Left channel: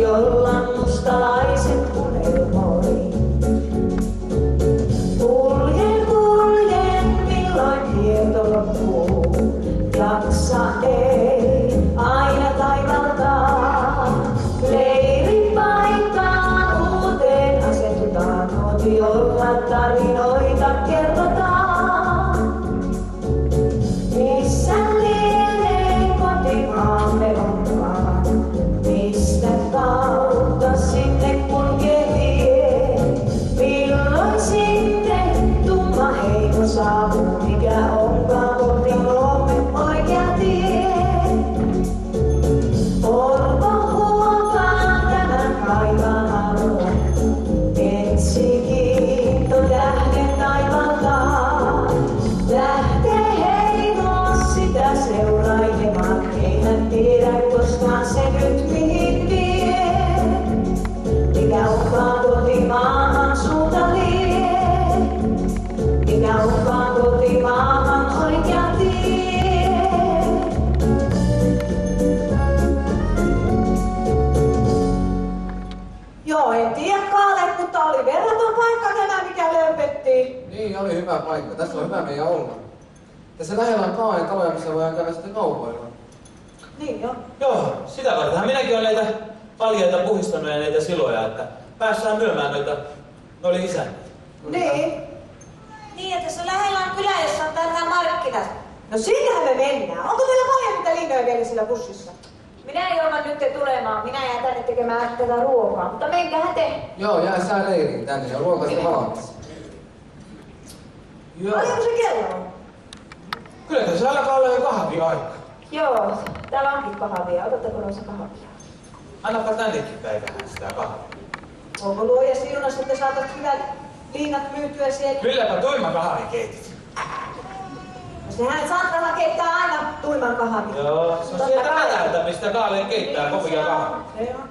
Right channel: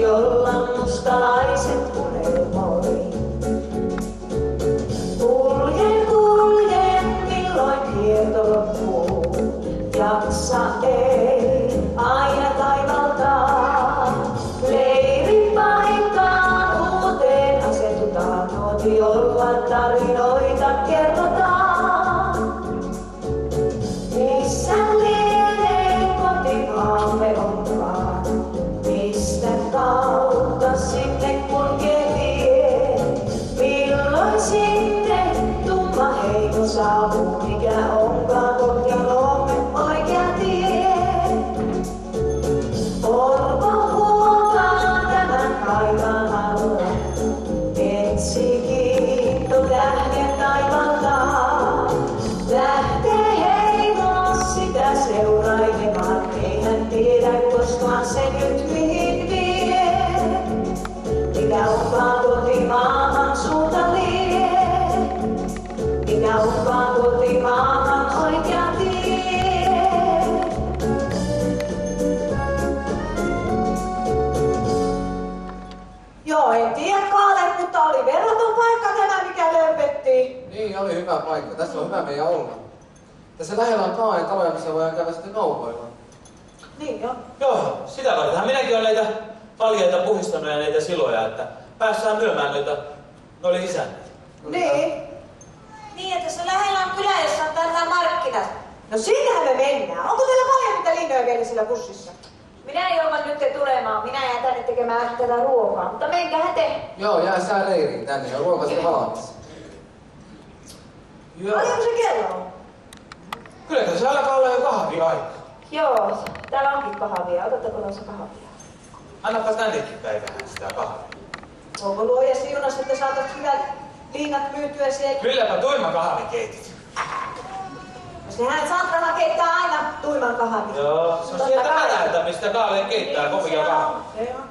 jolla mustalaiset unelmoi. Kuljen, milloin kierto loppuu. Jaksa ei aina taivaltaa. Leiripaikkaan uuteen asetutaan. Nuotiolla tarinoita kerrotaan. Missä lienee kotimaamme onkaan? Mistä kautta sinne kulkee tie? Milloin sinne tumma heimo saapuu? Mikä onkaan kotimaamme oikea tie? Orpo huokaa tämän kaivan alla. Etsi kiitto tähden taivaltaan. Lähtee heimo sitä seurailemaan. Ei hän tiedä koskaan se nyt mihin vie. Mikä onkaan kotimaahan suunta lie? Mikä onkaan kotimaahan oikea tie? Joo, en tiedä Kaale, mutta oli verraton paikka tämä, mikä lömpettiin. Niin, oli hyvä paikka. Tässä on hyvä meidän olla. Tässä lähellä on Kaaen taloja, missä voidaan käydä sitten kaupoilla. Niin joo. Joo, sitä vartenhan minäkin olen näitä paljaita puhistanut ja näitä siloja, että päässään myymään noille isännille. Niin, että tässä lähellä on kylä, jossa on tällä markkinat. No sinnehän me mennään. Onko teillä paljon niitä linjoja vielä sillä bussissa? Minä joudan nyt tulemaan. Minä jään tänne tekemään tätä ruokaa, mutta menkähän te. Joo, jää sää leiriin tänne ja ruoka sitten valmis. Joo. Paljonko se kello on? Kyllä tässä alkaa olla jo kahviaika. Joo, täällä onkin kahvia. Otatteko noissa kahvia? Annapa tännekin päivähän sitä kahvia. Onko luoja siunas, että saatat hyvät liinat myytyä siellä? Kylläpä tuima kahvi keitit. No sehän Santrahan keittää aina tuiman kahvia. Joo, se on sieltä perältä, mistä Kaale keittää kovia kahvia. Se on.